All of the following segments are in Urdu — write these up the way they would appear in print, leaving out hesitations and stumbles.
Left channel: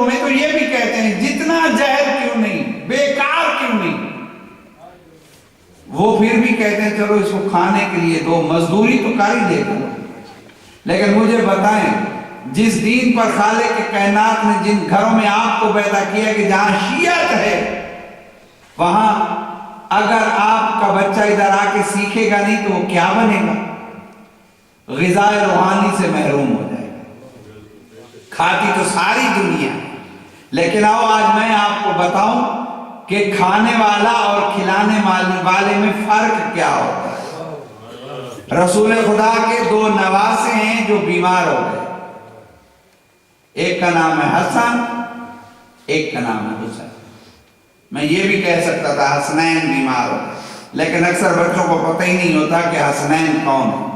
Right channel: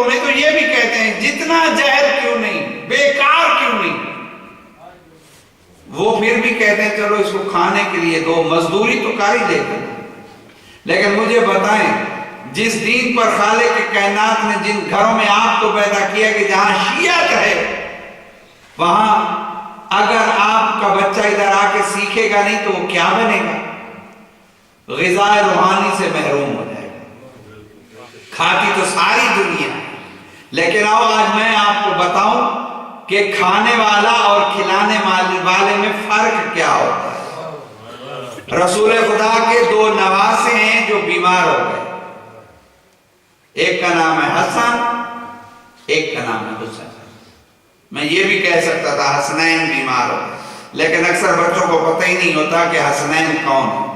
ملکوں میں تو یہ بھی کہتے ہیں جتنا زہر کیوں نہیں، بیکار کیوں نہیں، وہ پھر بھی کہتے ہیں چلو اس کو کھانے کے لیے دو، مزدوری تو کر ہی دے گا۔ لیکن مجھے بتائیں جس دین پر خالق کائنات نے جن گھروں میں آپ کو پیدا کیا کہ جہاں شیعت ہے، وہاں اگر آپ کا بچہ ادھر آ کے سیکھے گا نہیں تو وہ کیا بنے گا؟ غذائے روحانی سے محروم ہو جائے گا۔ کھاتی تو ساری دنیا، لیکن آج میں آپ کو بتاؤں کہ کھانے والا اور کھلانے والے میں فرق کیا ہوتا ہے۔ رسول خدا کے 2 نواسے ہیں جو بیمار ہو گئے، ایک کا نام ہے حسن، ایک کا نام ہے حسین۔ میں یہ بھی کہہ سکتا تھا حسنین بیمار ہو گئے، لیکن اکثر بچوں کو پتہ ہی نہیں ہوتا کہ حسنین کون ہے۔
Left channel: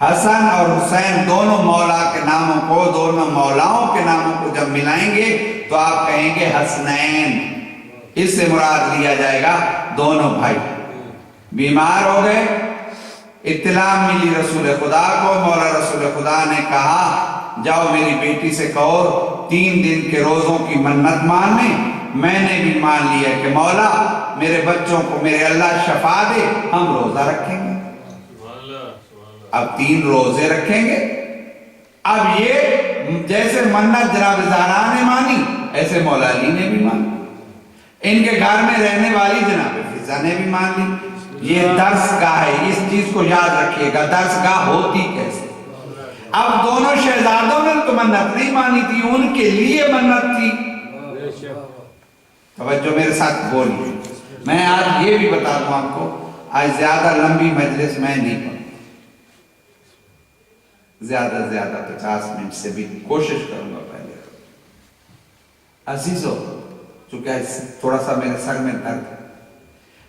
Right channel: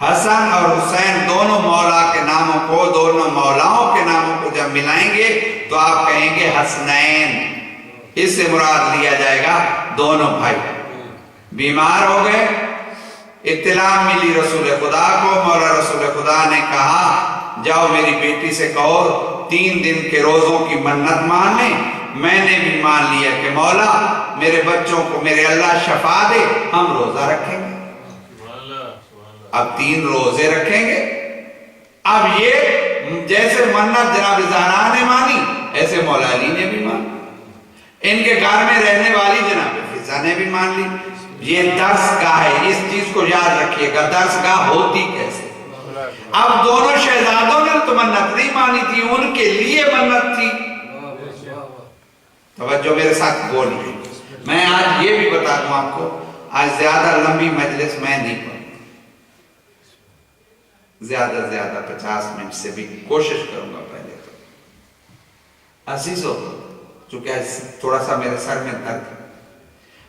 حسن اور حسین دونوں مولا کے ناموں کو، دونوں مولاؤں کے ناموں کو جب ملائیں گے تو آپ کہیں گے حسنین، اس سے مراد لیا جائے گا دونوں بھائی۔ بیمار ہو گئے، اطلاع ملی رسول خدا کو، مولا رسول خدا نے کہا جاؤ میری بیٹی سے کہو 3 دن کے روزوں کی منت ماننے۔ میں نے بھی مان لیا کہ مولا میرے بچوں کو میرے اللہ شفا دے، ہم روزہ رکھیں گے۔ اب 3 روزے رکھیں گے۔ اب یہ جیسے منت جناب زہرا نے مانی، ایسے مولا علی نے بھی مانی، ان کے گھر میں رہنے والی جناب فضا نے بھی مان لی۔ یہ درس گاہ ہے، اس چیز کو یاد رکھیے گا، درس گاہ ہوتی کیسے۔ اب دونوں شہزادوں نے تو منت نہیں مانی تھی، ان کے لیے منت تھی۔ توجہ میرے ساتھ بولیے۔ میں آج یہ بھی بتا دوں آپ کو، آج زیادہ لمبی مجلس میں نہیں کروں، زیادہ سے زیادہ 50 منٹ سے بھی کوشش کروں گا پہلے تو۔ عزیزو، چونکہ تھوڑا سا میرے سر میں درد ہے،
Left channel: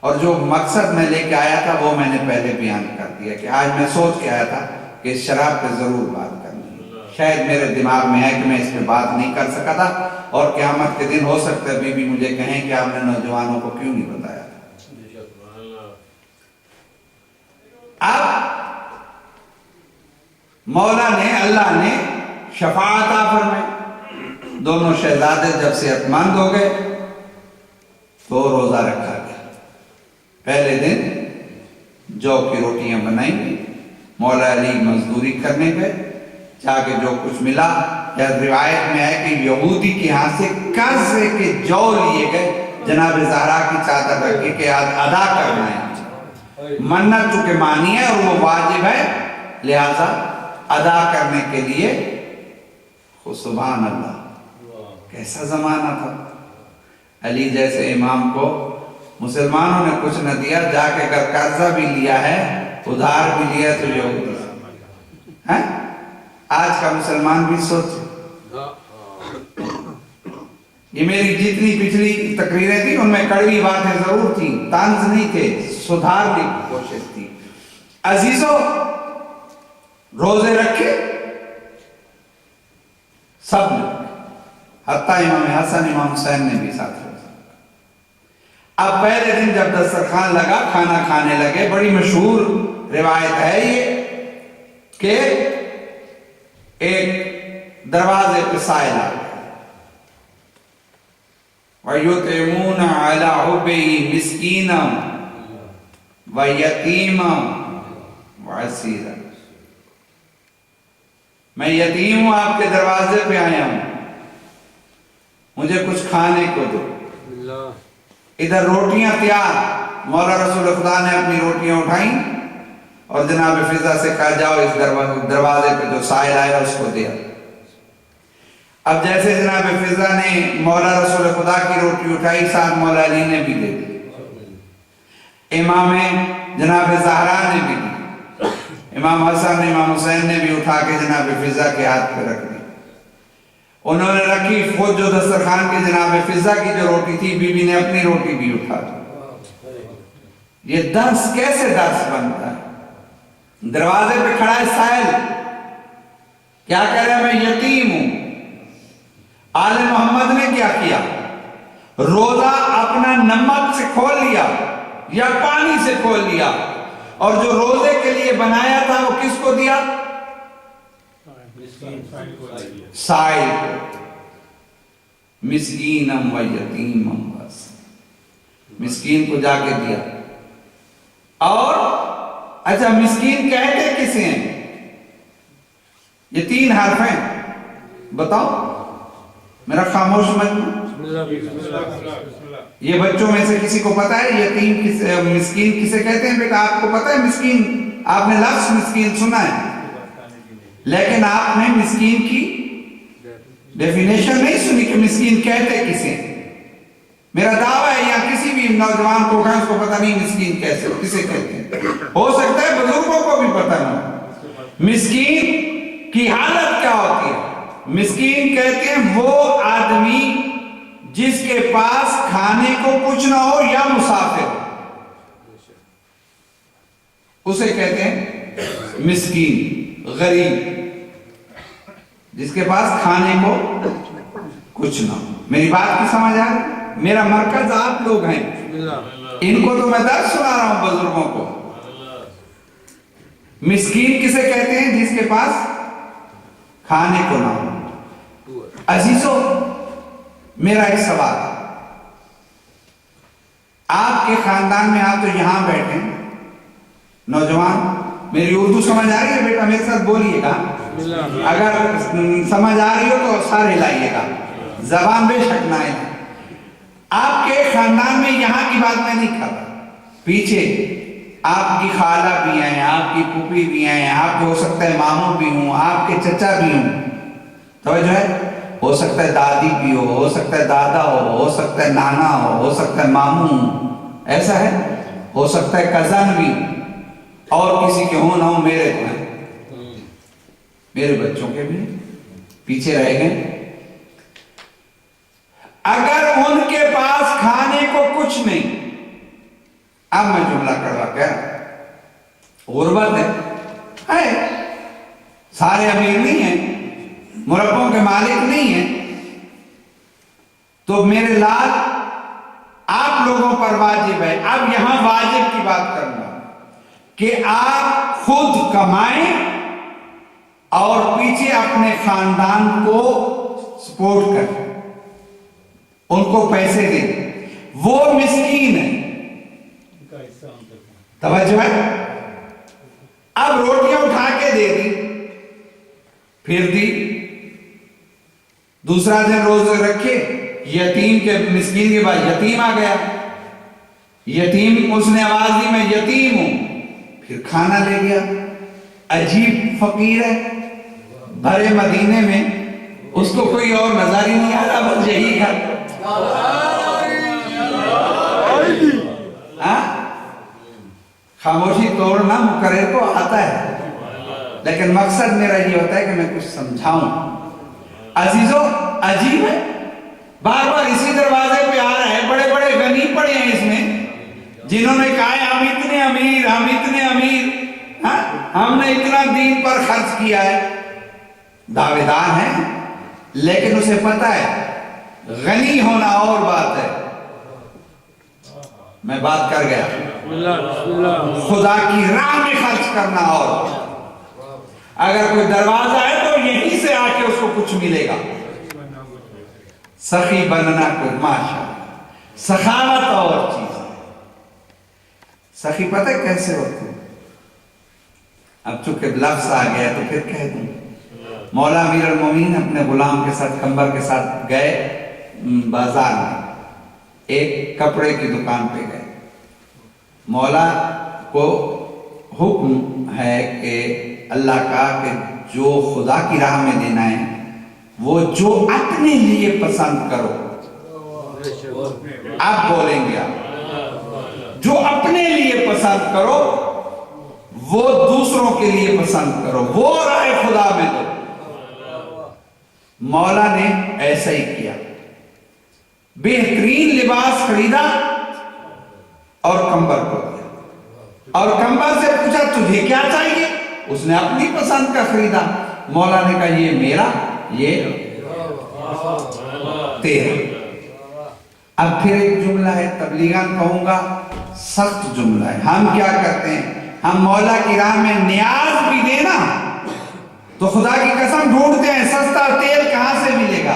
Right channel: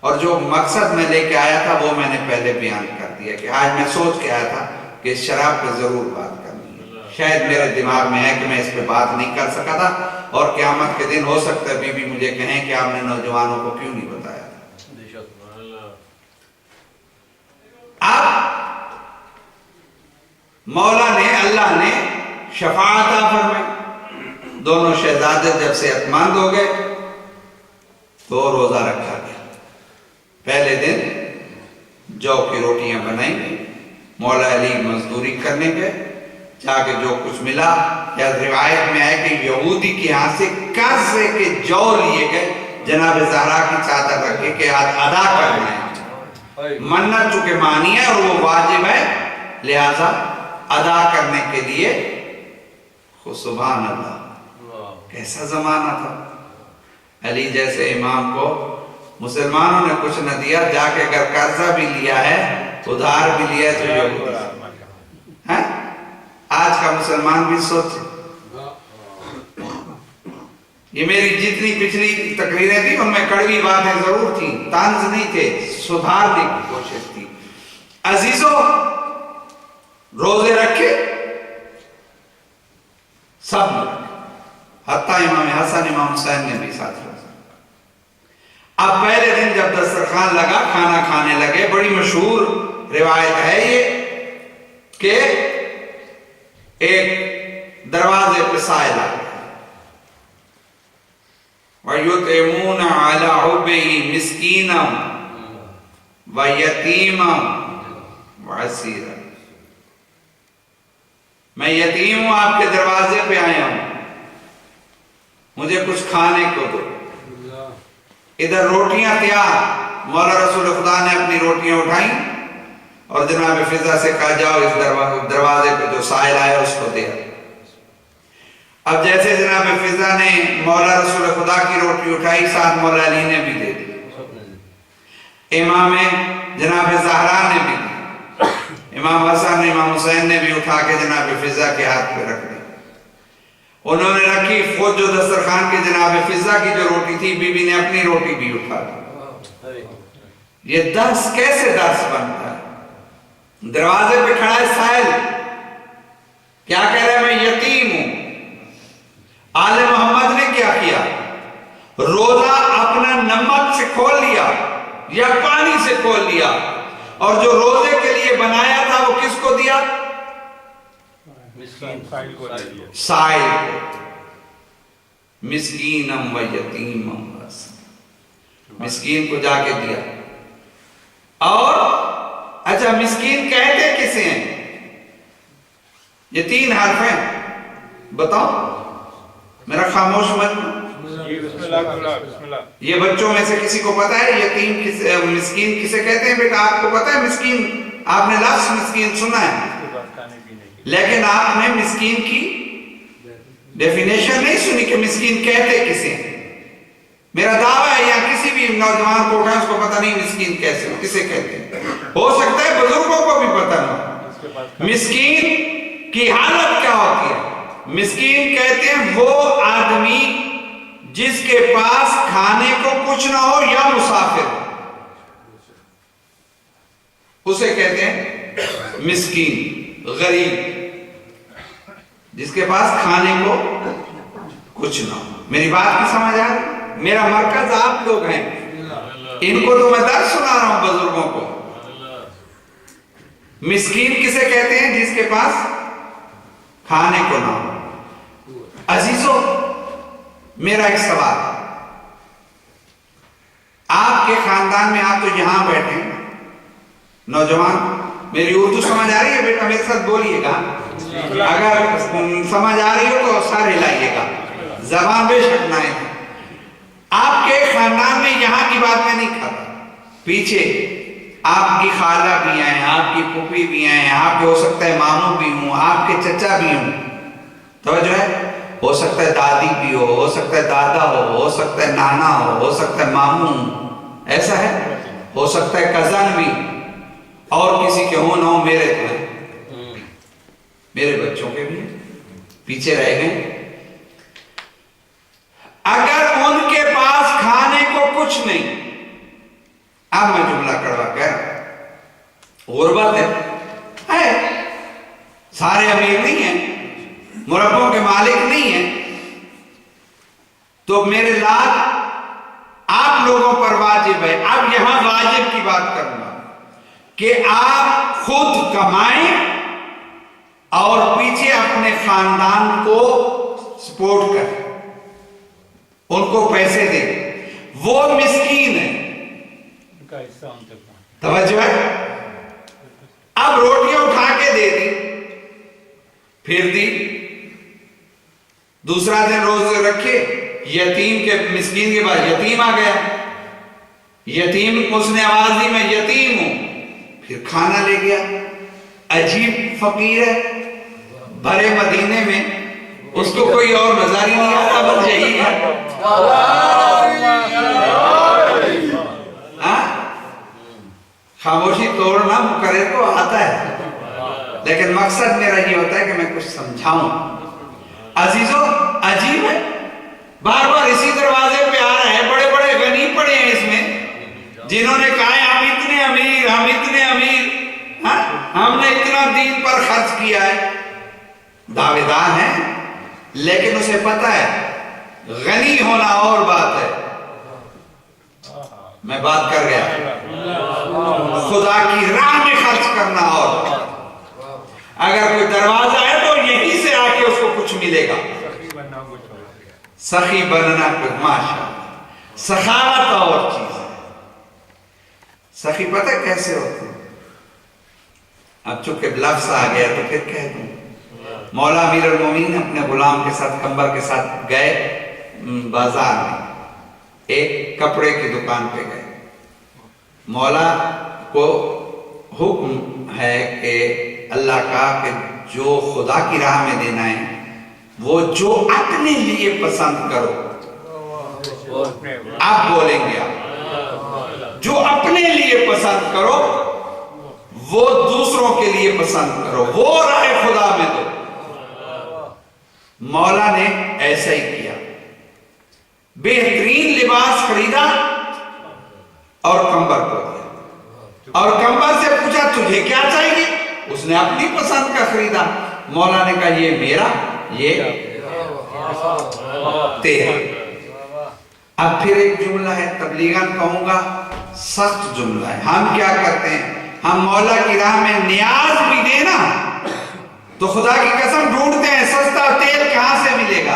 اور جو مقصد میں لے کے آیا تھا وہ میں نے پہلے بیان کر دیا کہ آج میں سوچ کے آیا تھا کہ اس شراب پہ ضرور بات کرنی ہے۔ شاید میرے دماغ میں ہے کہ میں اس پہ بات نہیں کر سکا تھا، اور قیامت کے دن ہو سکتا ہے بیوی مجھے کہیں کہ آپ نے نوجوانوں کو کیوں نہیں بتایا تھا۔ اب مولا نے، اللہ نے شفاعت عطا فرمائی، دونوں شہزادے جب صحت مند ہو گئے تو روزہ رکھا گیا۔ پہلے دن جو کی روٹیاں بنائی گئی، مولا علی مزدوری کرنے گئے، جا کے جو کچھ ملا، یا روایت میں ہے کہ یہودی کے ہاں سے قرض کے جو لیے گئے، جناب زہرا کی چادر رکھے کہ ادا کر رہے ہیں، منت چونکہ مانی ہے اور وہ واجب ہے، لہذا ادا کرنے کے لیے۔ سبحان اللہ، کیسا زمانہ تھا۔ علی جیسے امام کو مسلمانوں نے کچھ نہ دیا، جا کے اگر قرضہ بھی لیا ہے، ادھار بھی لیا تو یہودی ہے۔ آج کا مسلمان بھی سوچے، یہ میری جتنی پچھلی تقریریں تھیں ان میں کڑوی باتیں ضرور تھیں، طنز نہیں تھے، سدھارنے کی کوشش تھی۔ عزیزو، روزے رکھے سب لوگ، حتیٰ امام حسن امام حسین نے بھی ساتھ روزہ۔ اب پہلے دن جب دسترخوان لگا، کھانا کھانے لگے، بڑی مشہور روایت ہے یہ کہ ایک دروازے پہ سائل آ گیا، وَيُطْعِمُونَ عَلَىٰ حُبِّهِ مِسْكِينًا وَيَتِيمًا وَعَسِيرًا۔ میں یتیم ہوں، آپ کے دروازے پہ آیا ہوں، مجھے کچھ کھانے کو دو۔ ادھر روٹیاں تیار، مولا رسول خدا نے اپنی روٹیاں اٹھائیں اور جناب فضا سے کہا جاؤ اس دروازے پہ جو سائل آیا اس کو دیا۔ اب جیسے جناب فضا نے مولا رسول خدا کی روٹی اٹھائی، ساتھ مولا علی نے بھی دے دی، امام جناب زہرا نے بھی دی، امام حسن امام حسین نے بھی اٹھا کے جناب فضا کے ہاتھ پہ رکھ دی۔ انہوں نے رکھی، خود جو دسترخوان کے جناب فضا کی جو روٹی تھی، بی بی نے اپنی روٹی بھی اٹھا دی۔ یہ درس کیسے درس بنتا ہے؟ دروازے پہ کھڑا ہے سائل، کیا کہہ رہا ہے؟ میں یتیم ہوں۔ آل محمد نے کیا کیا؟ روزہ اپنا نمک سے کھول لیا یا پانی سے کھول لیا، اور جو روزے کے لیے بنایا تھا وہ کس کو دیا؟ سائل کو۔ مسکینم و یتیمم بس، مسکین کو جا کے دیا. اور اچھا مسکین کہتے کسے ہیں؟ یہ 3 حرف ہیں، بتاؤ میرا خاموش مجمع. یہ بچوں میں سے کسی کو پتا ہے یتیم مسکین کسے کہتے ہیں؟ بیٹا آپ کو پتا ہے مسکین؟ آپ نے لفظ مسکین سنا ہے لیکن آپ نے مسکین کی ڈیفینیشن نہیں سنی کہ مسکین کہتے کسے ہیں. میرا دعویٰ ہے یا کسی بھی نوجوان کو اٹھائیں اس کو پتا نہیں مسکین کیسے کسے کہتے ہیں. ہو سکتا ہے بزرگوں کو بھی پتا نہیں مسکین کی حالت کیا ہوتی ہے. مسکین کہتے ہیں وہ آدمی جس کے پاس کھانے کو کچھ نہ ہو یا مسافر ہو، اسے کہتے ہیں مسکین. غریب جس کے پاس کھانے کو کچھ نہ ہو. میری بات کی سمجھ آ رہی؟ میرا مرکز آپ لوگ ہیں، ان کو تو میں درس سنا رہا ہوں بزرگوں کو. مسکین کسے کہتے ہیں؟ جس کے پاس کھانے کو نہ ہو. عزیزو میرا ایک سوال، آپ کے خاندان میں آپ تو یہاں بیٹھے نوجوان، میری اردو سمجھ آ رہی ہے بیٹا؟ میرے ساتھ بولیے گا، اگر سمجھ آ رہی ہو تو سارے ہلائیے گا، زبان بے شک نہ ہے. آپ کے خاندان میں یہاں کی بات میں نہیں کر رہا، پیچھے آپ کی خالہ بھی ہیں، آپ کی پھوپھی بھی ہیں، آپ کے ہو سکتا ہے ماموں بھی ہوں، آپ کے چچا بھی ہوں، توجہ ہے، ہو سکتا ہے دادی بھی ہو سکتا ہے دادا ہو سکتا ہے نانا ہو سکتا ہے ماموں، ایسا ہے، ہو سکتا ہے کزن بھی، اور کسی کے ہوں نہ ہو. میرے تو ہیں، میرے بچوں کے بھی پیچھے رہ گئے. اگر ان کے پاس کھانے کو کچھ نہیں، اب میں جملہ کڑوا کہہ رہا، غربت ہے، سارے امیر نہیں ہیں، مربوں کے مالک نہیں ہیں، تو میرے لال آپ لوگوں پر واجب ہے. اب یہاں واجب کی بات کرنا کہ آپ خود کمائیں اور پیچھے اپنے خاندان کو سپورٹ کریں، ان کو پیسے دیں. وہ مسکین ہے، توجہ ہے. اب روٹیاں اٹھا کے دے دی، پھر دی، دوسرا دن روزے رکھے، یتیم کے مسکین کے بعد یتیم آ گیا، یتیم اس نے آواز دی میں یتیم ہوں، پھر کھانا لے گیا. عجیب فقیر ہے، بھرے مدینے میں اس کو کوئی اور نظر ہی نہیں آتا، بس یہی ہے. خاموشی توڑنا مقرر کو آتا ہے، لیکن مقصد میرا یہ ہوتا ہے کہ میں کچھ سمجھاؤں. عزیزو عجیب ہے، بار بار اسی دروازے پہ آ رہے ہیں. بڑے بڑے غنی پڑے ہیں اس میں جنہوں نے کہا ہے ہم اتنے امیر، ہم اتنے امیر، ہم نے اتنا دین پر خرچ کیا ہے. دعوے دار ہیں لیکن اسے پتا ہے غنی ہونا اور بات ہے. میں بات کر گیا، خدا کی راہ میں خرچ کرنا اور. اگر کوئی دروازہ ہے تو یہیں سے آ کے اس کو کچھ ملے گا. سخی بننا کچھ، ماشاءاللہ، سخاوت اور چیز ہے. سخی پتہ کیسے ہوتے ہیں؟ اب چونکہ لفظ آ گیا تو پھر کہہ دوں. مولا امیر المومنین اپنے غلام کے ساتھ قمبر کے ساتھ گئے بازار میں، ایک کپڑے کی دکان پہ گئے. مولا کو حکم ہے کہ اللہ کا کہ جو خدا کی راہ میں دینا ہے وہ جو اپنے لیے پسند کرو. آپ بولیں گے، آپ جو اپنے لیے پسند کرو وہ دوسروں کے لیے پسند کرو، وہ راہ خدا میں دو. مولا نے ایسا ہی کیا، بہترین لباس خریدا اور قمبر کو دیا، اور قمبر سے پوچھا تجھے کیا چاہیے؟ اس نے اپنی پسند کا خریدا. مولا نے کہا یہ میرا، یہ تیرا. اب پھر ایک جملہ ہے، تبلیغاً کہوں گا سخت جملہ ہے. ہم کیا کرتے ہیں، ہم مولا کی راہ میں نیاز بھی دینا تو خدا کی قسم ڈھونڈتے ہیں سستا تیل کہاں سے ملے گا.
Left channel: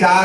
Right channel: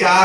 4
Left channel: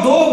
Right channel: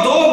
2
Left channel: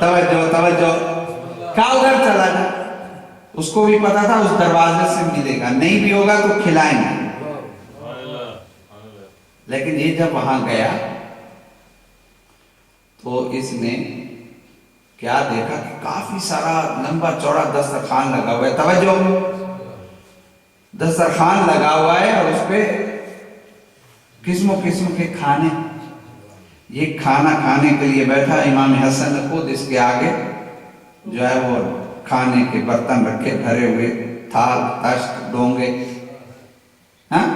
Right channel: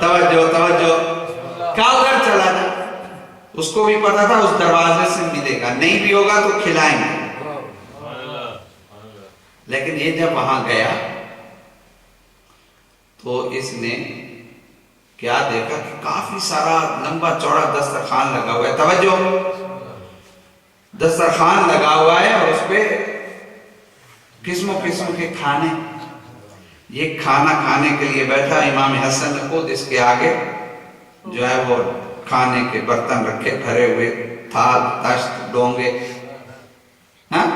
توجہ توجہ، کہا ادھر چلا جا. اس کو بھی پتا تھا اس دروازے سے ملے گا، نہیں بھی ہوگا تو کھلائیں گے. لیکن یہ جب وہاں گیا تو اس نے کیا دیکھا کہ کافی سارا لمبا چوڑا دسترخوان لگا ہوا ہے. توجہ، دسترخوان لگا ہوا ہے اور اس پہ قسم و قسم کے کھانے. یہ کھانا کھانے کے لیے بیٹھا. امام حسن نے خود اس کے آگے جو ہے وہ کھانے کے برتن رکھے، بھرے ہوئے، تھال، تشت، ڈونگے. ہاں،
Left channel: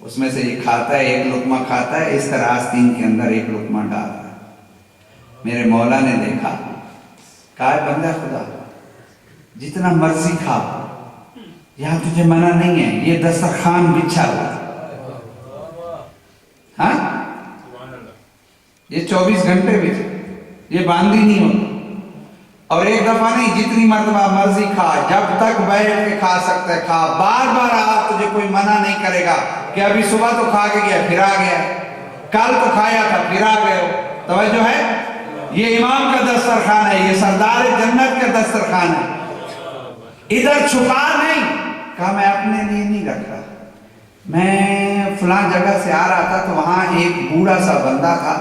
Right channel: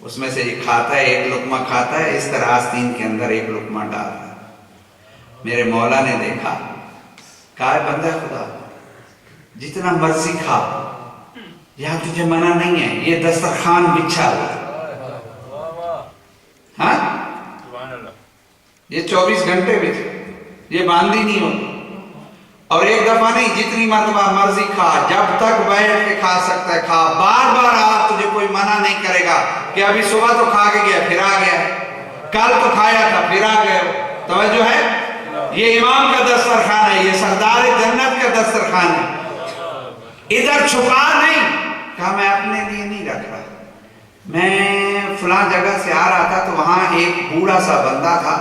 اس میں سے یہ کھاتا ہے، ایک لقمہ کھاتا ہے، اس طرح آستین کے اندر ایک لقمہ ڈالتا ہے. میرے مولا نے دیکھا، کہا ہے بندہ خدا جتنا مرضی کھا، یہاں تجھے منع نہیں ہے، یہ دسترخوان بچھا ہوا. ہاں، یہ 24 گھنٹے بھی یہ باندھی نہیں ہوتا. اور ایک دفعہ نہیں، جتنی مرتبہ مرضی کھا، جب تک بیٹھ کے کھا سکتا ہے کھا. بار بار تجھے کوئی منع نہیں کرے گا کہ ابھی صبح تو کھا کے گیا پھر آ گیا، کل تو کھایا تھا پھر آ گئے. توجہ ہے، یہ امام کا دسترخوان ہے، یہ سردار جنت کا دسترخوان ہے. ادھر چھپا نہیں. کہا میں اپنے لیے نہیں رکھ رہا، میں فلاں جگہ سے آ رہا تھا تو وہاں ایک بوڑھا سا بندہ تھا،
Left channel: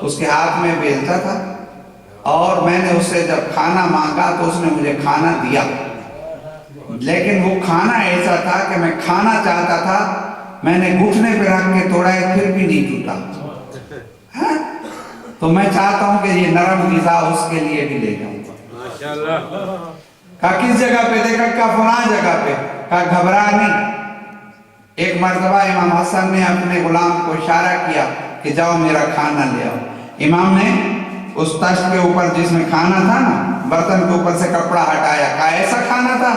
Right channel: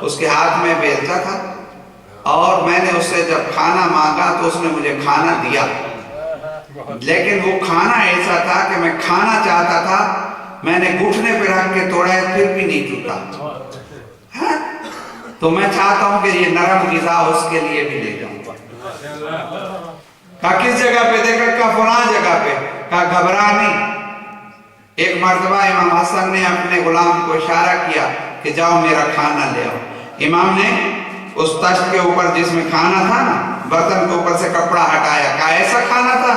اس کے ہاتھ میں بیلچا تھا، اور میں نے اس سے جب کھانا مانگا تو اس نے مجھے کھانا دیا. لیکن وہ کھانا ایسا تھا کہ میں کھانا چاہتا تھا، میں نے گھٹنے پہ رکھ کے توڑا ہے پھر بھی نہیں ٹوٹا. تو میں چاہتا ہوں کہ یہ نرم غذا اس کے لیے بھی لے جاؤں. کہا کس جگہ پہ؟ دیکھا، کہا فلاں جگہ پہ. کہا گھبرا نہیں. ایک مرتبہ امام حسن نے اپنے غلام کو اشارہ کیا کہ جاؤ میرا کھانا لے آؤ. امام نے اس تشت کے اوپر جس میں کھانا تھا نا، برتن کے اوپر سے کپڑا ہٹایا. کہا ایسا کھانا تھا؟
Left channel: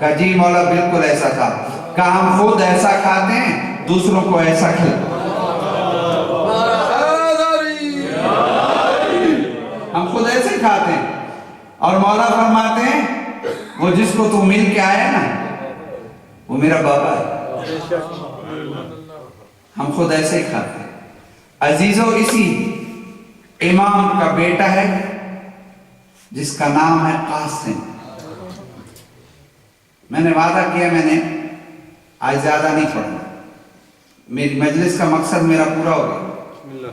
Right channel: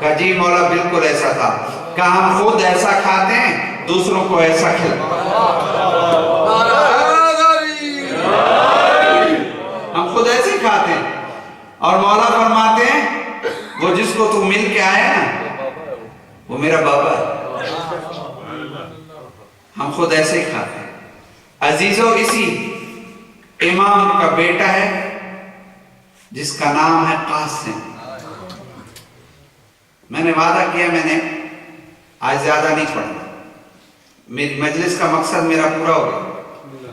کہا جی مولا بالکل ایسا تھا. کہا ہم خود ایسا کھاتے ہیں، دوسروں کو ایسا کھلاتے. ہم خود ایسے کھاتے ہیں. اور مولا فرماتے ہیں وہ جس کو تو مل کے آیا نا وہ میرا بابا ہے. ہم خود ایسے ہی کھاتے ہیں. عزیزو، اسی امام کا بیٹا ہے جس کا نام ہے قاسم. میں نے وعدہ کیا میں نے آج زیادہ نہیں پڑھنا. میری مجلس کا مقصد میرا پورا ہو گیا.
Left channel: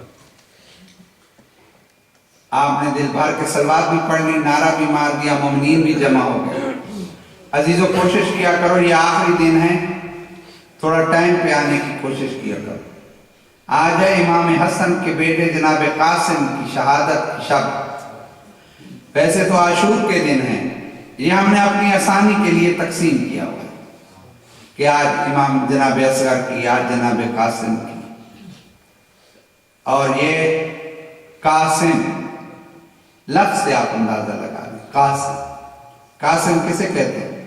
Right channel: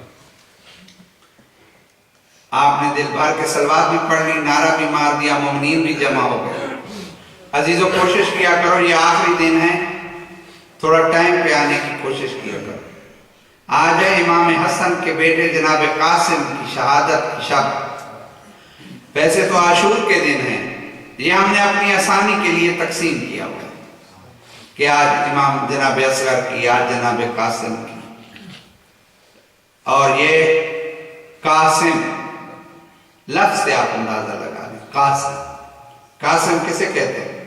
آپ نے دل بھر کے صلوات بھی پڑھ لی، نعرہ بھی مار دیا، مومنین بھی جمع ہو گئے. عزیزو کوشش کیا کرو، یہ آخری دن ہے، تھوڑا ٹائم پہ آنے کی کوشش کیا کرو. آج ہے امام حسن کے بیٹے جناب قاسم کی شہادت کی شب. ویسے تو عاشور کے دن ہے، یہ ہم نے اپنی آسانی کے لیے تقسیم کیا ہوا کہ آج امام جناب اصغر کی، آج جناب قاسم کی. اور یہ قاسم لفظ سے آپ اندازہ لگا لیں. قاسم، قاسم کسے کہتے ہیں؟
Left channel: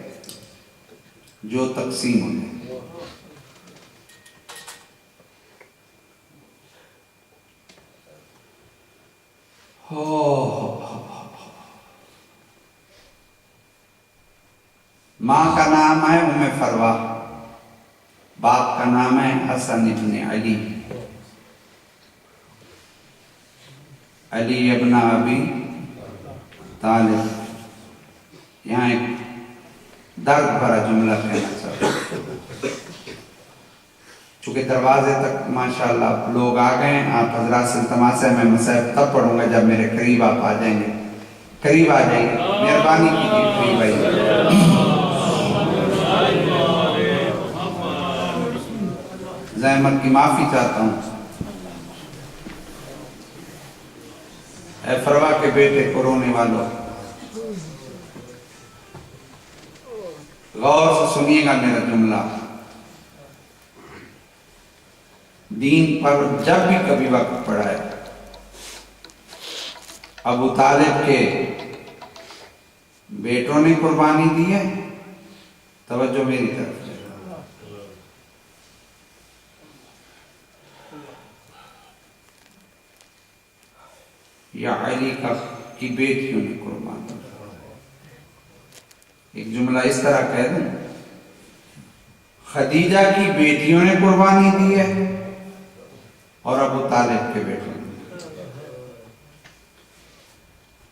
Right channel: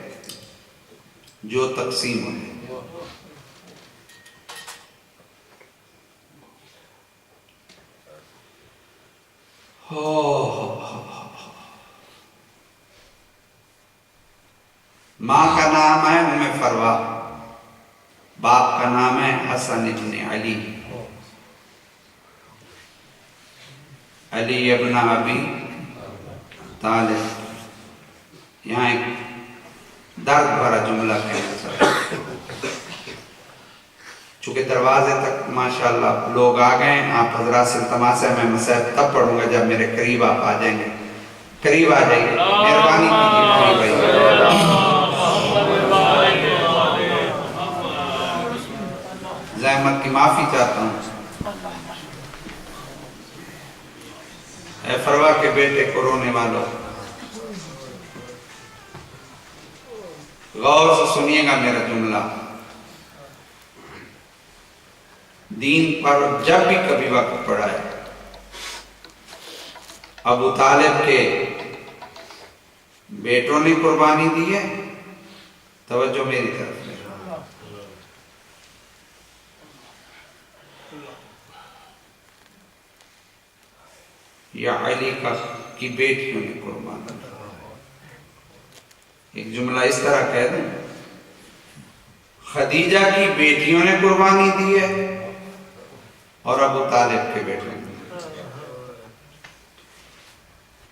جو تقسیم ہوئے. ماں کا نام ہے ام فروا، باپ کا نام ہے حسن ابن علی، علی ابن ابی طالب. یہاں ایک درد بھرا جملہ کہنا چاہتا ہوں، چونکہ دروازے تک ماشاءاللہ لوگ آ گئے. آپ حضرات سے التماس ہے میں مسائل تب پڑھوں گا جب میرے قریب آپ آ جائیں گے. قریب آ جائیے، مہربانی کیجیے قریب آئیے. زحمت کی معافی چاہتا ہوں. اے فروا کے بیٹے کو رونے والوں، غور سے سنیے گا میرا جملہ. دین پر جب بھی کبھی وقت پڑا ہے، ابو طالب کے بیٹوں نے قربانی دی ہے. توجہ میری طرف. یا علی کی بیٹیوں نے قربان دی. ایک جملہ اس طرح کہہ دیں، خدیجہ کی بیٹیوں نے قربانی دی ہے اور ابو طالب کے بیٹوں نے.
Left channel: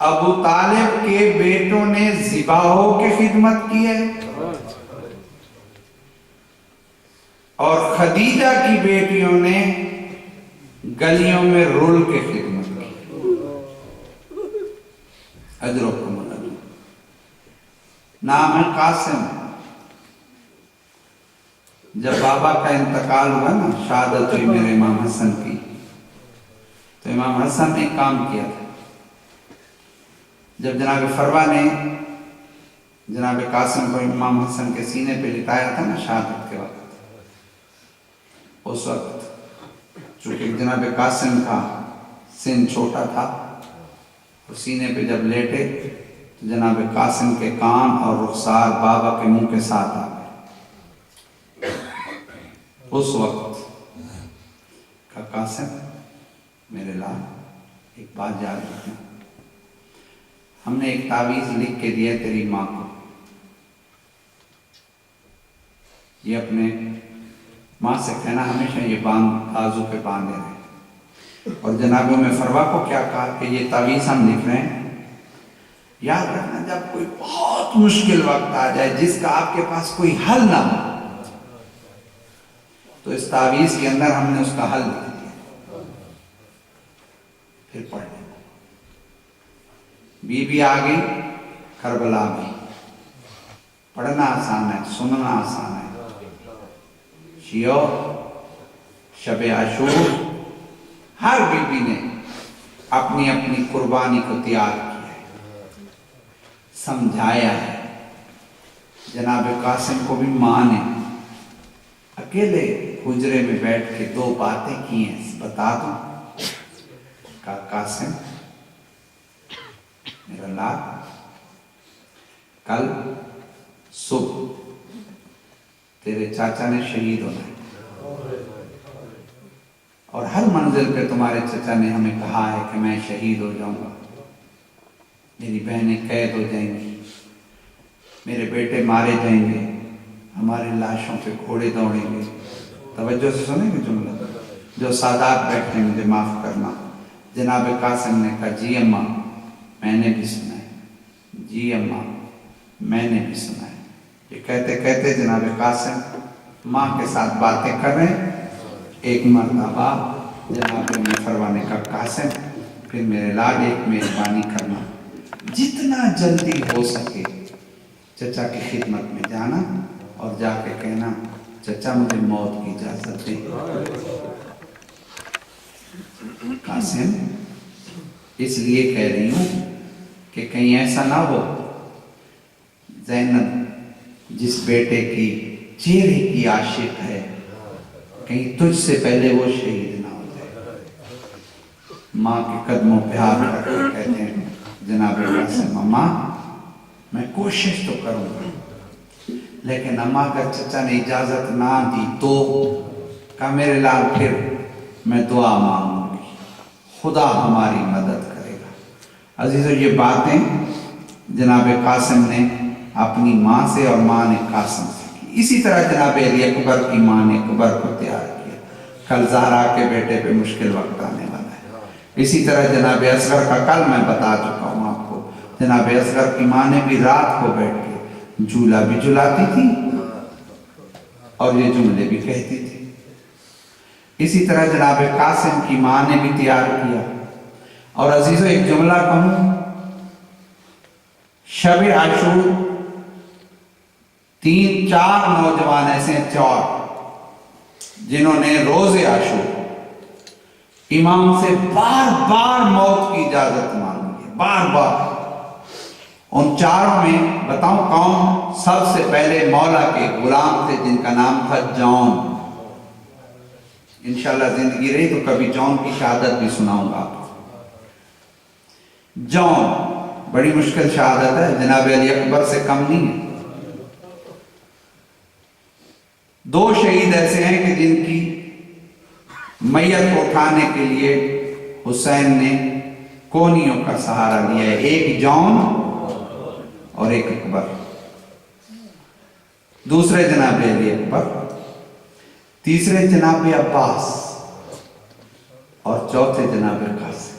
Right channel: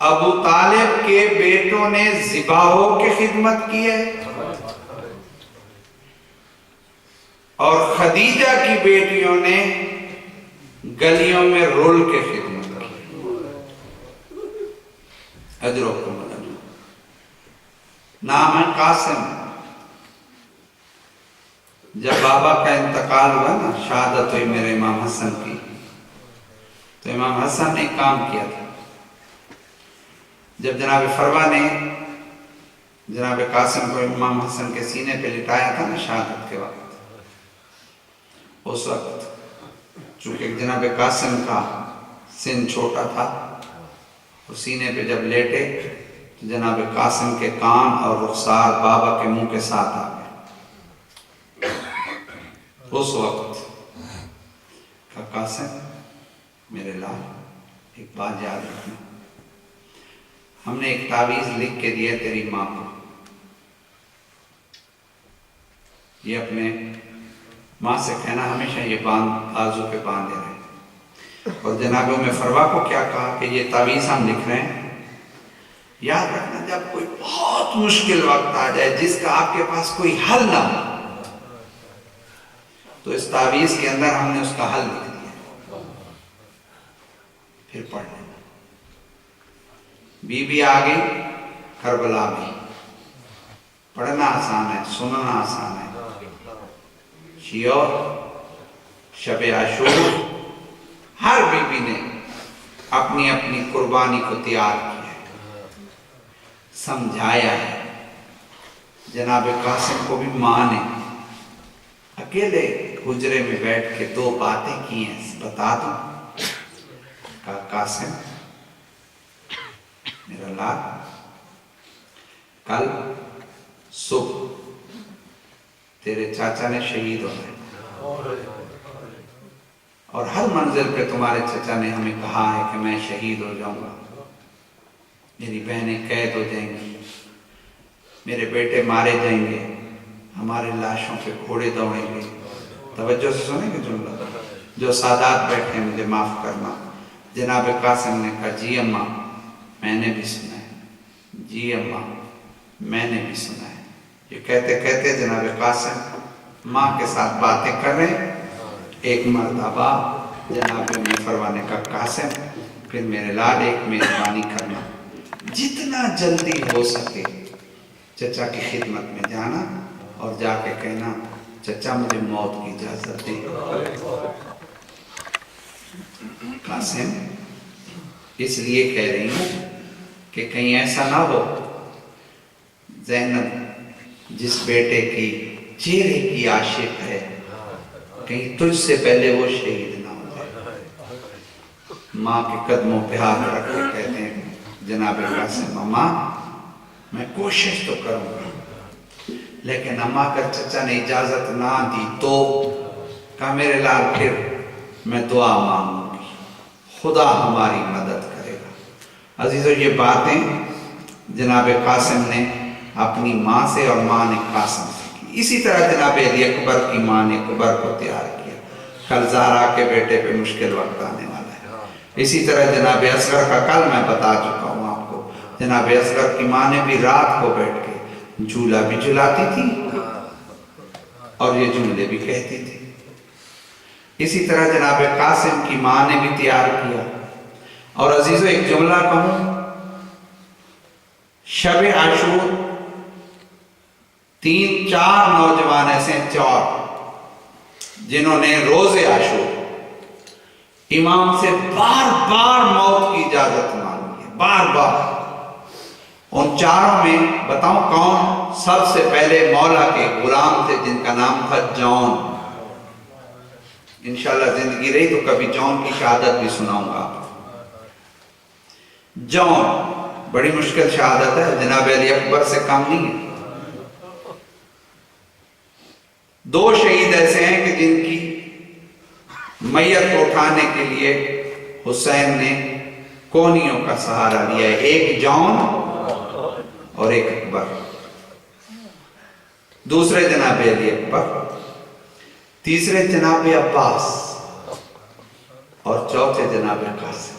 ابو طالب کے بیٹوں نے ذباحوں کی خدمت کی ہے اور خدیجہ کی بیٹیوں نے گلیوں میں رول کے خدمت کی. اجرکم الاجر. نام ہے قاسم. جب بابا کا انتقال ہوا نا، شہادت ہوئی میرے امام حسن کی، تو امام حسن نے کام کیا تھا. جب جناب فروا نے جناب قاسم کو امام حسن کے سینے پہ لٹایا تھا نا شہادت کے وقت، اس وقت چونکہ جناب قاسم کا سن چھوٹا تھا، اور سینے پہ جب لیٹے تو جناب قاسم کے کان اور رخسار بابا کے منہ کے ساتھ آ گئے. اس وقت کا قاسم میرے لال ایک بات یاد رکھنا، ہم نے ایک تعویذ لکھ کے دیا تیری ماں کو، یہ اپنے ماں سے کہنا ہمیشہ یہ باندھ آزو پہ باندھے رہے. اور جناب میں فروا کو کیا کہا کہ یہ تعویذ ہم لکھ رہے ہیں، یاد رکھنا جب کوئی بہت مشکل وقت آ جائے جس کا آپ کے پاس کوئی حل نہ ہو، تو اس تعویذ کے اندر ہم نے اس کا حل لکھ دیا، پھر پڑھ لینا. بی بی آ گئی کربلا بھی، پڑھنا آسان ہے، سننا آسان ہے. شیعہ شب عاشور ہر بی بی نے اپنی اپنی قربانی کو تیار کیا ہے، سمجھایا ہے. جناب قاسم کو بھی ماں نے اکیلے حجرے میں بیٹھ کے دو باتیں کی ہیں، بتا دوں. کہا قاسم میرا لال، کل صبح تیرے چاچا نے شہید ہونا ہے، اور ہر منزل پہ تمہارے چچا نے ہمیں کہا ہے کہ میں شہید ہو جاؤں گا، میری بہنیں قید ہو جائیں گی، میرے بیٹے مارے جائیں گے، ہماری لاشوں پہ گھوڑے دوڑیں گے. توجہ سے سنیں گے جملہ، جو سادات بیٹھے ہیں مجھے معاف کرنا. جناب قاسم نے کہا جی اماں میں نے بھی سنا ہے، جی اماں میں نے بھی سنا ہے. یہ کہتے کہتے جناب قاسم ماں کے ساتھ باتیں کر رہے ہیں. ایک مرتبہ جناب میں فروا نے کہا قاسم پھر میرے لال ایک مہربانی کرنا، جتنا جلدی ہو سکے چچا کی خدمت میں جانا اور جا کے کہنا چچا مجھے موت کی اجازت دے. قاسم اس لیے کہہ رہی ہوں کہ کہیں ایسا نہ ہو زینب جس بیٹے کی چہرے کی عاشق ہے کہیں تجھ سے پہلے وہ شہید نہ ہو جائے. ماں کے قدموں پہ ہاتھ رکھ کر کہتے ہیں جناب قاسم اماں میں کوشش تو کروں گا، لیکن اماں اگر چچا نے اجازت نہ دی تو کہا میرے لال پھر میں دعا مانگوں گی، خدا ہماری مدد کرے گا. عزیزو یہ باتیں جناب قاسم نے اپنی ماں سے اور ماں نے قاسم سے کی. اسی طرح جناب علی اکبر کی ماں نے اکبر کو تیار کیا، کل زہرا کے بیٹے پہ مشکل وقت آنے والا ہے. اسی طرح جناب اصغر کا کل میں بتا چکا ہوں آپ کو، جناب اصغر کی ماں نے بھی رات کو بیٹھ کے جھولا بھی جھلاتی تھی اور یہ جملے بھی کہتی تھی. اسی طرح جناب قاسم کی ماں نے بھی تیار کیا. اور عزیزو ایک جملہ کہوں، شب عاشور 3-4 نوجوان ایسے ہیں، 4 جنہوں نے روز عاشور امام سے بار بار موت کی اجازت مانگی ہے، بار بار. ان 4 میں بتاؤں کون؟ سب سے پہلے مولا کے غلام تھے جن کا نام تھا جون. انشاءاللہ زندگی رہی تو کبھی جون کی شہادت بھی سناؤں گا. جون بڑی مشکل شہادت ہے، جناب علی اکبر سے کم نہیں ہے. 2 شہید ایسے ہیں کہ جن کی میت کو اٹھانے کے لیے حسین نے کونیوں کا سہارا لیا ہے، ایک جون اور ایک اکبر. دوسرے جناب علی اکبر، تیسرے جناب عباس اور چوتھے جناب قاسم.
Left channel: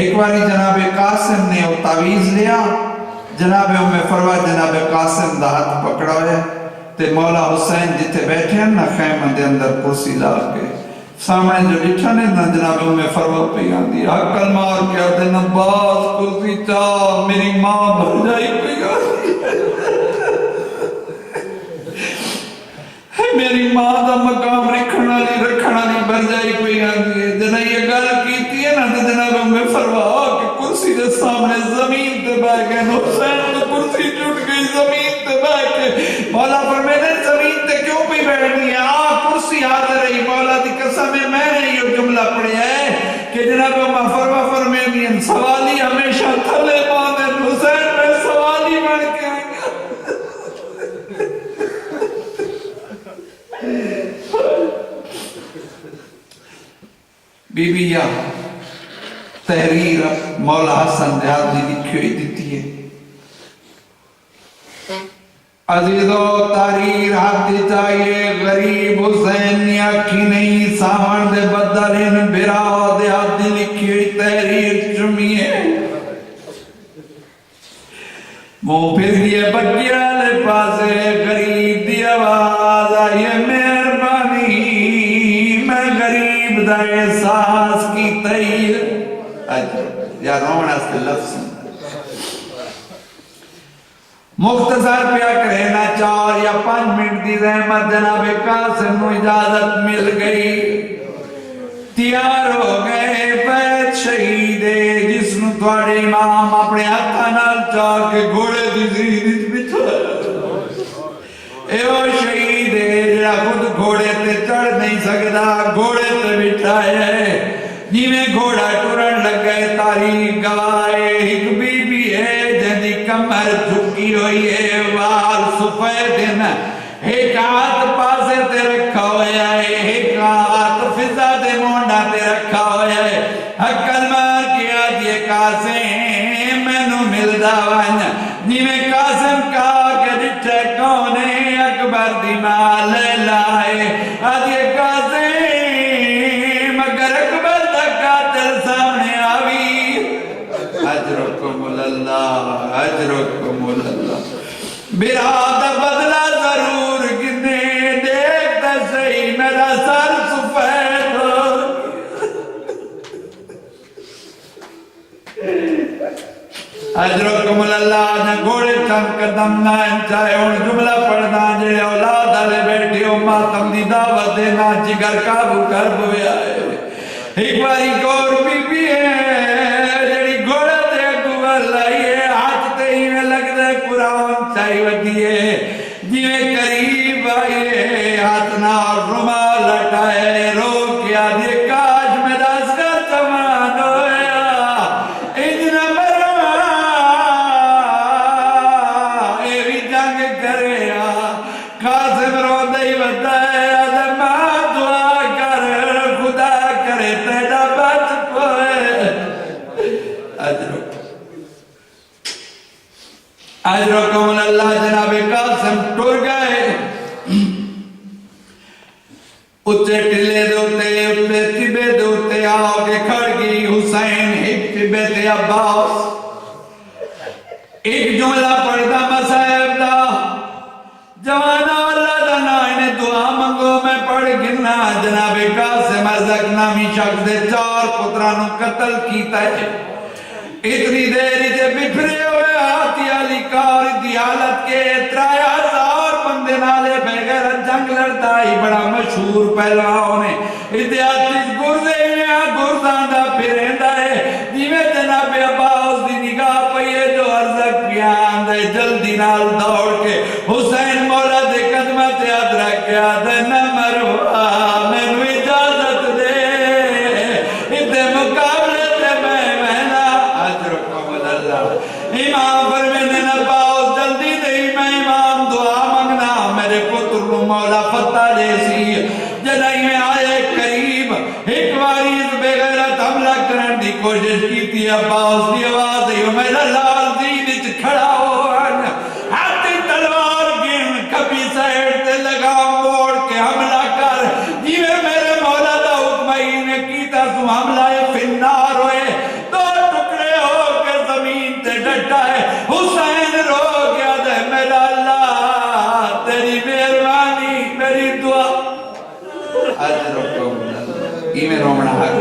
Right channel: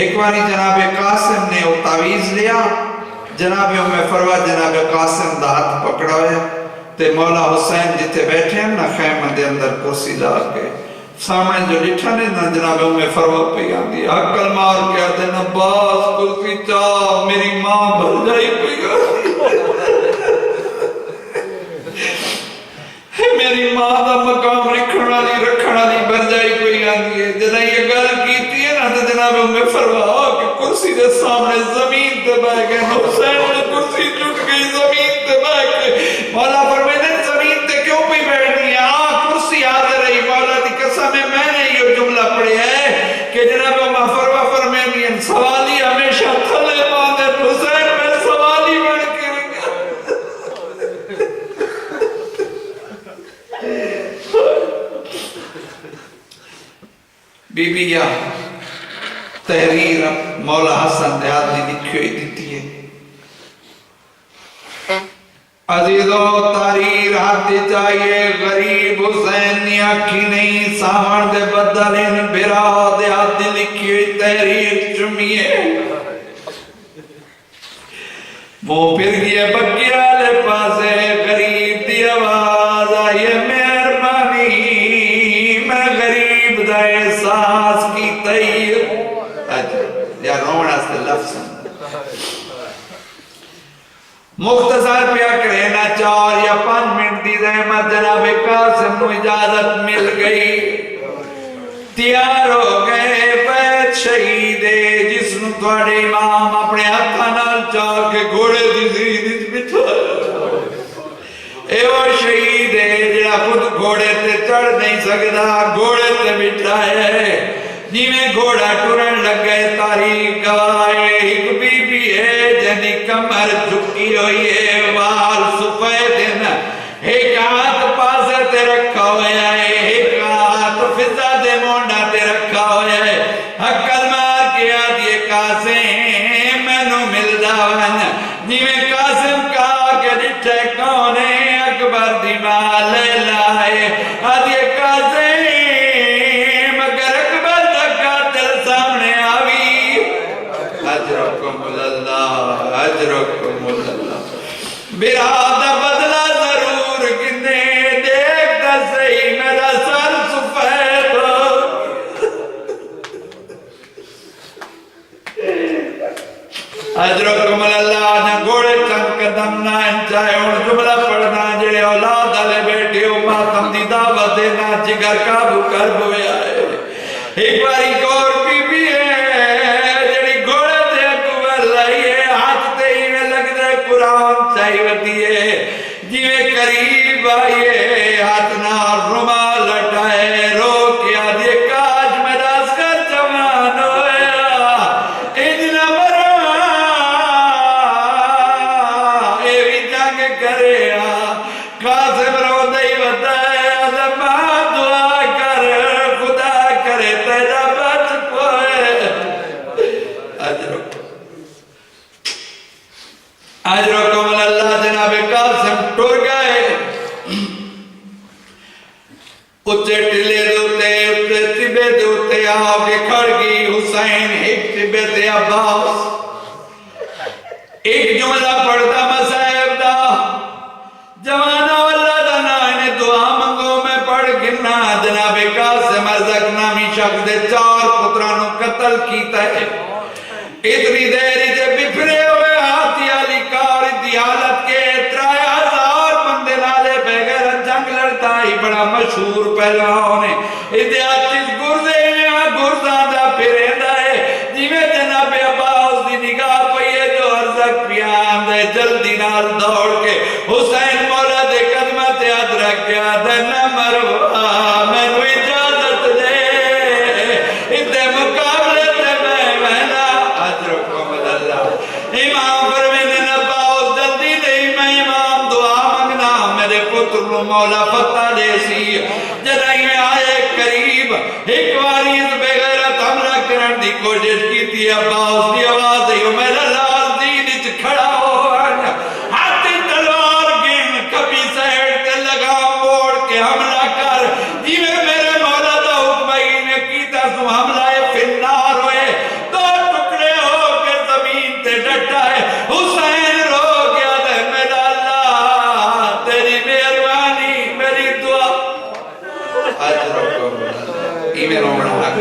ایک باری جناب قاسم نے وہ تعویز لیا، جناب فروا جناب قاسم دا ہاتھ پکڑا ہوئے تے مولا حسین جتے بیٹھے ہیں نا خیمہ دے اندر کرسی لا کے سامنے جو لٹھا نے نا جناب فروا پہ آندی عقل مار کے آدھے نا باز کرسی چاہ میری ماں بھر جائی پہ آندی میری ماں دا مقام رکھنا لی بھر جائی پہ آندی ہے جنہیں یہ گل کیتی ہے نا تو جناب فروا کہ کرسی دے سامنے زمین تے بہ گئے حسین نے کرسی ٹوٹ گئی زمین تے بہ گئے مولا فرمیدے زمین تے کیوں پہ بیٹھنی ہے کرسی حاضر رہی مولا دی قسم ہے میں نے یہ جملہ پڑھی ہے کہ جناب فروا فرمیدی ہیں سوالی ہمیشہ تھلے باندھے حسین میں سوالی بڑھ کے بی بی یا تحریر مولا حسن دیاد نے لکھی ہوئی دیتی ہے عزیزو تحریر ہاتھ چاہیے غریب حسین نے آکھی نہیں سامان دے بدلین بھرا دیاد نے لکھی ہوئی تحریر چمیے وہ پھر گئے بکیا لے پاسے غریب دی آواز آئیے مہربانی میں غریب دا احساس کی تیر یا رونا سے لفظ مختصر پیا کہنا 4 یا 5 منٹ دی رحمت جناب قاسم نو اجازت مل گئی تیار ہو گئے بیت شہید جس نو تھوڑے امام اپنے ہاتھاں نال چاہ کے گھوڑے دی زید بٹھایا اے او شہید جڑا خود گھوڑے تے چڑھ نہیں سکدا گھوڑے تے بٹھایا جی میں گھوڑا ٹرن لگ گئے تاریخ گوائے ایک بی بی ہے جنی کمر جھکی ہوئی ہے وال سفید ہے ایک ہاتھ پاسے تے رکھا ہویا ہے ایک ہاتھ فضا دے مونڈا تے رکھا ہویا ہے حقل مار کے آدھے قاسم میں نو ملدا ون جی میں قاسم کہا کہ ڈٹھے کونے اکبر دی مال لائے آدھے قاسم اجرکم اللہ برادہ بدلہ ضرور کنے دیکھتا صحیح میرا سر سفید اجرکم اللہ آجا گھوڑے چند قدم نہ انچائے ان جملہ پڑھنا جڑے اولاد علی بیٹی ہو ماتم دی دعوت دینا جگر کابو کر بویا ہے ایک باری گور بی بی ہے قرآن چاہی ودیے جیوے قریب آئیے ہاتھنا رما لٹائے رو کیا دیے کاش میرا اسکر چمان ہویا اتنا مرا اے بھی جنگ کرے قاسم رو دئی بتائے ازمہ دعا کر خدا کرے تیجا بچ پوئے اجرکم اللہ جناب قاسم ٹور گئے اچھے ٹلے دوتے اچھے تبے دوتے آؤ کے کھڑ گئی حسین ایک تبے تے عباس ایک جملہ پڑھتا مسائب دا جوانا اللہ دا نائن دعا منگو میں پڑھ گرنا جناب قاسم ازک نامی شخص دے 4 پترانوں قتل کیتا ہے اتنی دیری تے بپھرے ہوئے آتی علی کار دی حالت کے 3000 بندے نالے بغیر جنگ لڑتا ہی بڑا مشہور پہلواؤں نے اتیاتیس گرزے ہیں گرزان دا پھریندا ہے جی میں جناب عباس دی نگاہ پئیے جو ارزک پیان دے جلدی نال دوڑ کے حسین مولا دے قدمہ تے ادرک کیا دے نہ مروا میں نو اجازت دے اتنے مقابلے تے میں نا اجرکم اللہ امام فرمیدے نہ باؤ جلدی نہیں میں امام دعا منگنا میرے پتر مولا فتح جیسی جنہی میں آئے قریب ایک باری اس بغیرت حملہ کرن دی کوشش کی تھی عباس دی آواز ہے میرا لال دین اچ کھڑا ہو ہاتھی تلوار گن کبھی سائڈ تے لگا موڑ کے حملہ کر جیوے میرے مولا دا حکمہ ہی نے کیتا سو حملہ فنار ہوئے تو ایمیں رومنا حق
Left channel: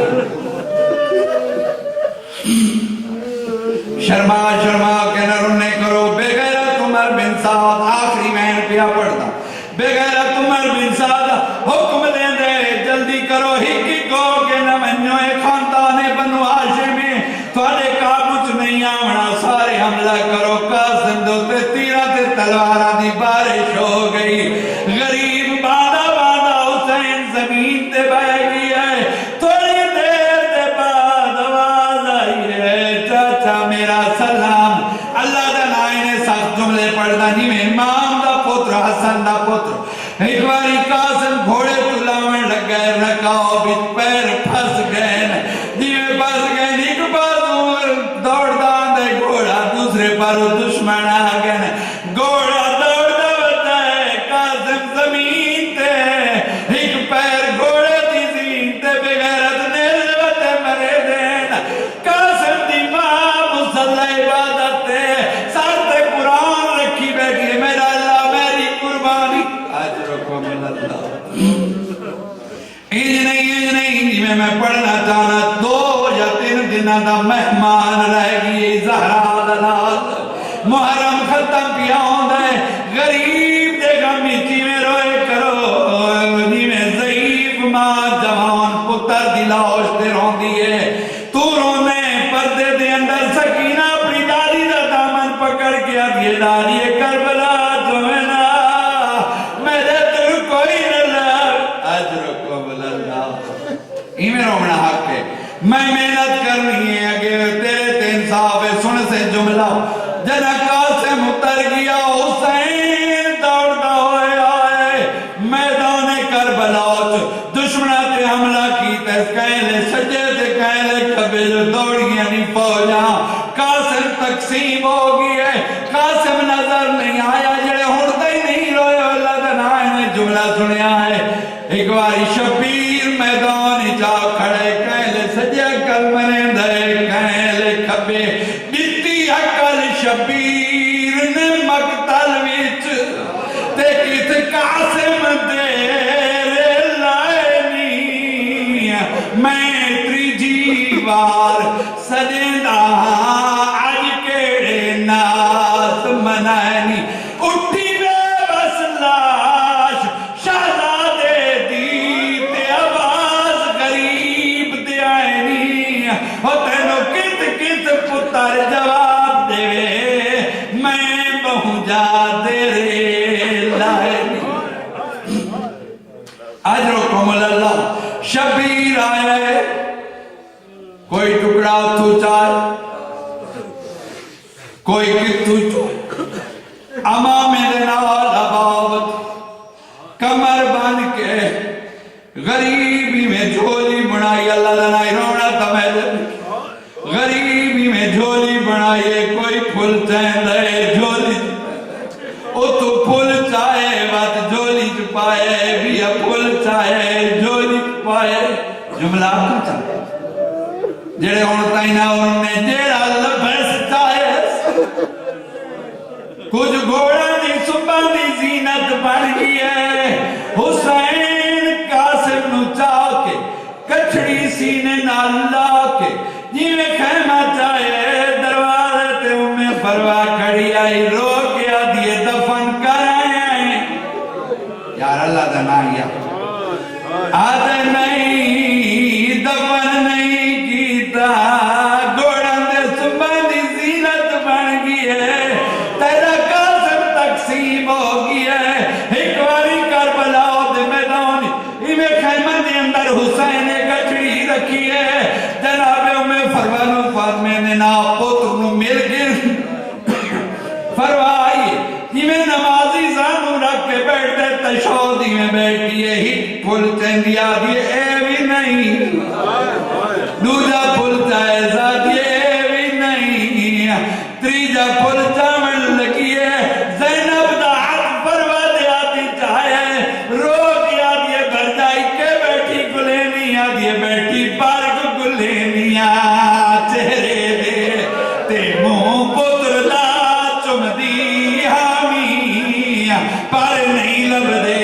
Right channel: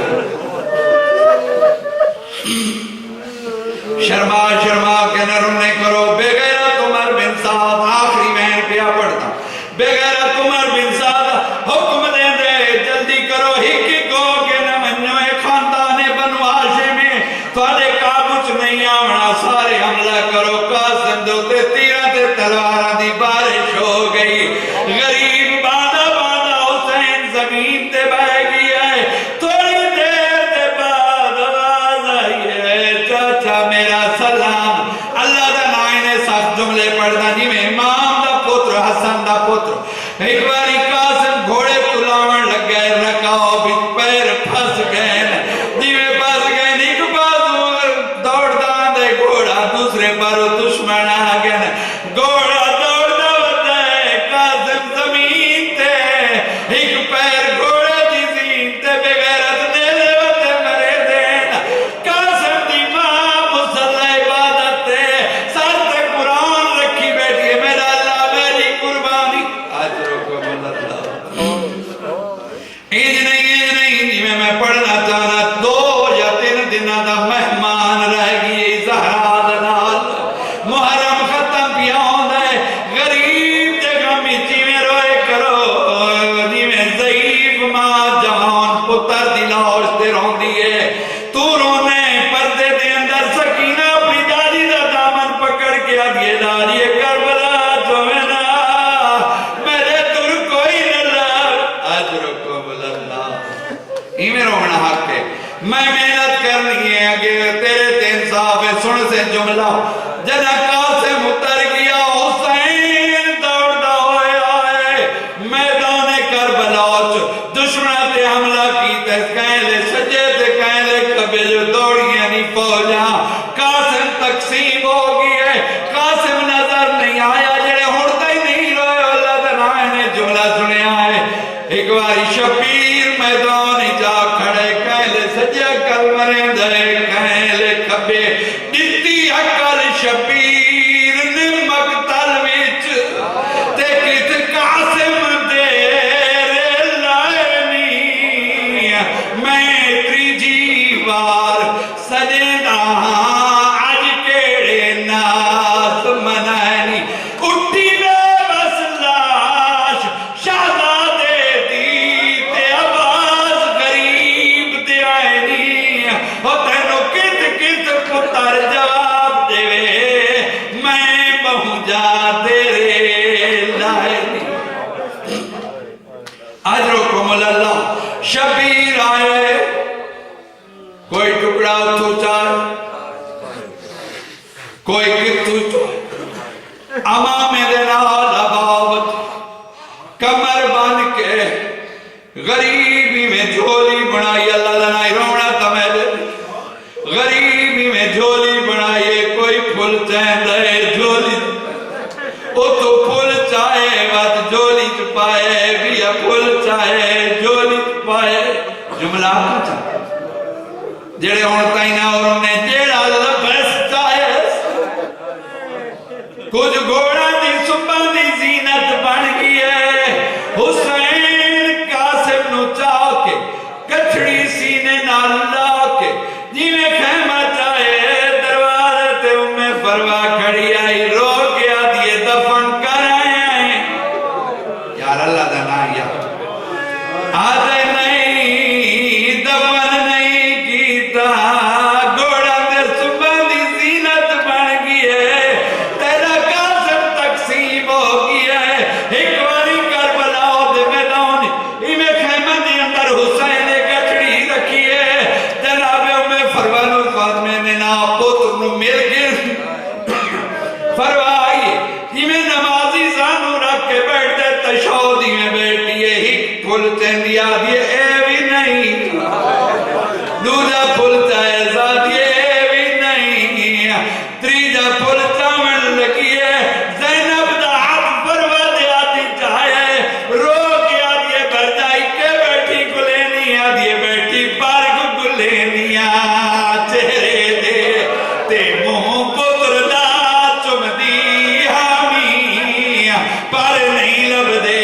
شرما شرما کے نہ رونے کرو بے غیرت عمر بن سعد آخری میں پیا پڑھتا بے غیرت عمر بن سعد حکم دے دے جلدی کرو ہی کو کہ نہ منو خاندان بنو ہاشم میں تھوڑے قابو چ نہیں آونا سارے حملہ کرو قاسم دو تے تیرہ تے تلواراں دی بارش ہو گئی غریب بادہ بادہ حسین زمین تے بہ گیا ہے تھوڑی دیر دے بعد آواز آئی ہے چاچا میرا سلام اللہ دا نائنے سخت جملے پڑھتا نہیں میں امام دا پتر حسن دا پتر ایک باری قاسم گھوڑے پلاون لگ گئے رکاؤ بچ پیر پھس گئے دیوے پھس گئے نیک بازو دوڑ دان دے گھوڑا دوسرے پر دشمن آ گئے گھوڑا دوڑ دوڑتا ہے قاسم زمین تے ایک پیر گھوڑے دی زین تے بغیرت نیلے وتے مرے دین قاسم دی ماں مسلح عبادت تے سر تے قرآن رکھی بیٹھی ہے میرا اللہ میری قربانی اجرکم اللہ انج نہیں میں پڑھنا چاہنا 2 یا 3 دنوں دا مہمان رہ گئی زہرا دا نال محرم ختم کیا ہوندا ہے غریب دے غم وچ میں روئے کرو جویں ضعیف ماں جوان پتر دی لاش تے روندی ہے تو رونے پردے دے اندر سکینہ اپنی دادی دا دامن پکڑ کے آدھی دادی کربلا جوینا میرے تر کوئی نہ لگ اجرکم اللہ ایمیں رومنا حق ہے میں محنت کرنی ہے اگر تیرے تے انصاف ہے سن سے جملہ جنا قاسم اتر گیا حسین دوڑتا ہوئے آئے میدان کربلا دشمنہ تے حملہ کی تے کہلے سجے تے کہلے کبھی جو دوڑیاں نہیں پہنچا قاسم تقسیم ہو گئی ہے قاسم نظر نہیں آیا جڑے ہوڑتا ہی نہیں روئے اللہ دنائے نے جملہ سنیا ہے ایک باری شبیر میدان جا کھڑے کہلے سجے کل مرے دے کہلے کبھی دیتی عقل شبیر نے مقتل وچ تے کس قاسم دے لائے نہیں میں تریجی وار سجدہ اج کیڑے ناس منائنی اٹھی بے بس لاش شہزادے دی تے آواز غریب دے آئینی ہو تینو کت کت پتر جواب دے میں پہنچا تیرے لائنی اجرکم اللہ شبیر آئے کوئی ٹکڑا تو چاہے کوئی کتو چاہے امام دنال اباوت کمر بن کے غریبی میں جھولی بنائی اللہ دنائی رونا تمہیں غریبی میں جھولی بنائیے کوئی پھول چین دے جھولی او تو پھول چاہے وقت جھولی چپائے بھی پھول چاہے جھولی چپائے جملہ آپ چاہے جڑے ہوتا ہی نہ اور انہیں جیڑا لبس چاہے کچھ گھوڑا دی صبح دی زینت بن گئی ہے حسین قاسم نو چاہ کے کچھڑی سینے نہ لا کے جیویں خیمہ چاہے دروازے تے میں فروا کھڑی آئی رو کے آدھیے دفن کر آئے یار اللہ دنا گیا آدھے نہیں دفن نہیں کیتا گوڑا دے صبح دی زینت بن گئی ہے تیرا قاسم تقسیم ہو گئی ہے ایک واری کربلا دے میدان ایمیں خیمہ دے اندر حسین گچڑی رکھی ہے جناب میں فرمانو فاطمے میں نا پتر نو مل گر فرمائی ایمیں نمازی زانو رکھ کے بیٹھ دے تشہودی میں بیٹھی ہے ہی پھول چندی آدھی اے بھی نہیں دوجا پھول چاہے زادی اے بھی نہیں تریجا پھول چاہمن لگی ہے زینب دا حق فرما دے آدھی چاہے رو کے آدھی بھر جائی کے بیٹھی گلینی آدھی بیٹھی پارک گلینیاں چہرے دے تے منہ پتر دا چم دی حامی پر نہیں لب دے